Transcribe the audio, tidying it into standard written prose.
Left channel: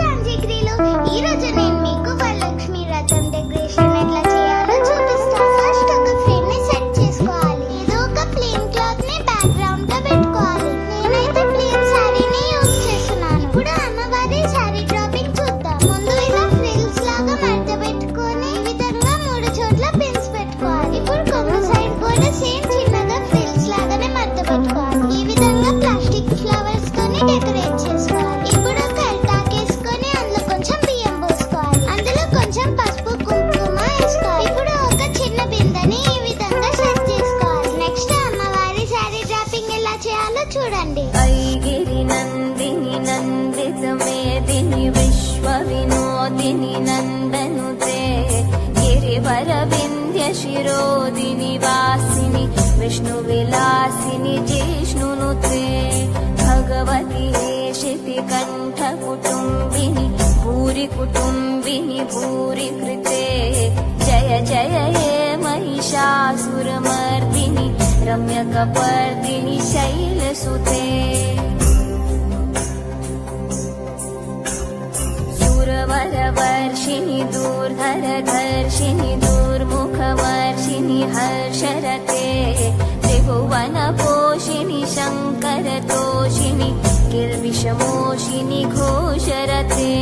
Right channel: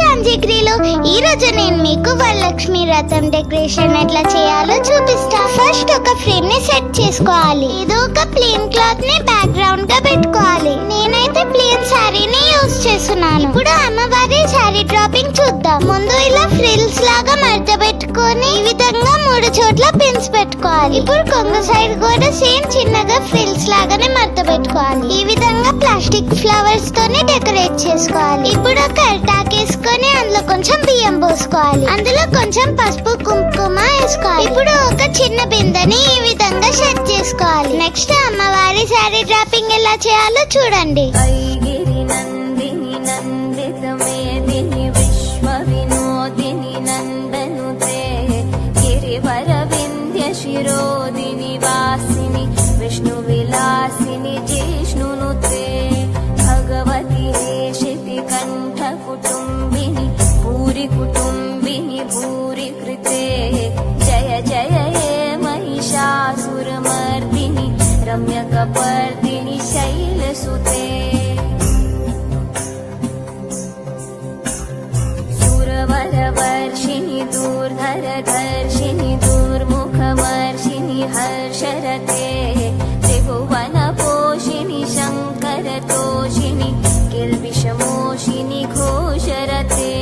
జాంజిగిరిలో ఈ రోజు నేను మీకు వరలక్ష్మి వ్రతం డెకరేషన్ ఎట్లా చేయాలో చూపిస్తా. ఫస్ట్ ఒక ఫ్రేమ్ ని సెట్ చేసుకోవాలి. ఏదో ఒక ప్లేన్ క్లాత్ ని బ్యాక్ గ్రౌండ్ గా పెట్టుకోవాలి. నేనైతే ప్లేన్ శారీని యూజ్ చేస్తున్నాను. ఇప్పుడు అమ్మవారి శారీ డ్రాపింగ్ చూద్దాం. ముందు ఇలా ఫ్రిల్స్ లాగా మడత పెట్టుకొని ఈ విధంగా 3 చోట్ల పిన్స్ పెట్టుకోవాలి. ఇప్పుడు కొంగు సైడ్ కూడా సేమ్ చిన్నగా ఫ్రిల్స్ లాగానే మడత పెట్టుకోవాలి. ఈ విధంగా ప్లాస్టిక్ ఫ్లవర్స్ తోనే డెకరేట్ చేసుకోవాలి. ఇప్పుడు ఒక అరిటాకు వేసుకొని అందులో కొంచెం బియ్యం పోసుకోవాలి. అందులో కొంచెం పసుపు కుంకుమ వేసుకోవాలి. ఇప్పుడు ఒక చిన్న బిందెని ఈ విధంగా సెట్ చేసుకోవాలి. నెక్స్ట్ అమ్మవారి శారీ డ్రాపింగ్ ఎలా చేయాలో చూడండి. ఐగిరి నందిని నందిత మేదిని విశ్వ వినోదిని నందనుతే గిరివర వింధ్య శిరోదిని వాసిని విష్ణు విలాసిని జిష్ణునుతే భగవతి హేషితి కంఠ కుటుంబిని భూరి కుటుంబిని భూరి కృతే జయ జయ హే महिषासुरमर्दिनि रम्यकपर्दिनि शैलसुते सुरवरवर्षिणि दूर्धरधर्षिणि दूर्मुखमर्षिणि हर्षरते त्रिभुवनपोषिणि शङ्करतोषिणि किल्बिषमोषिनि घोषरते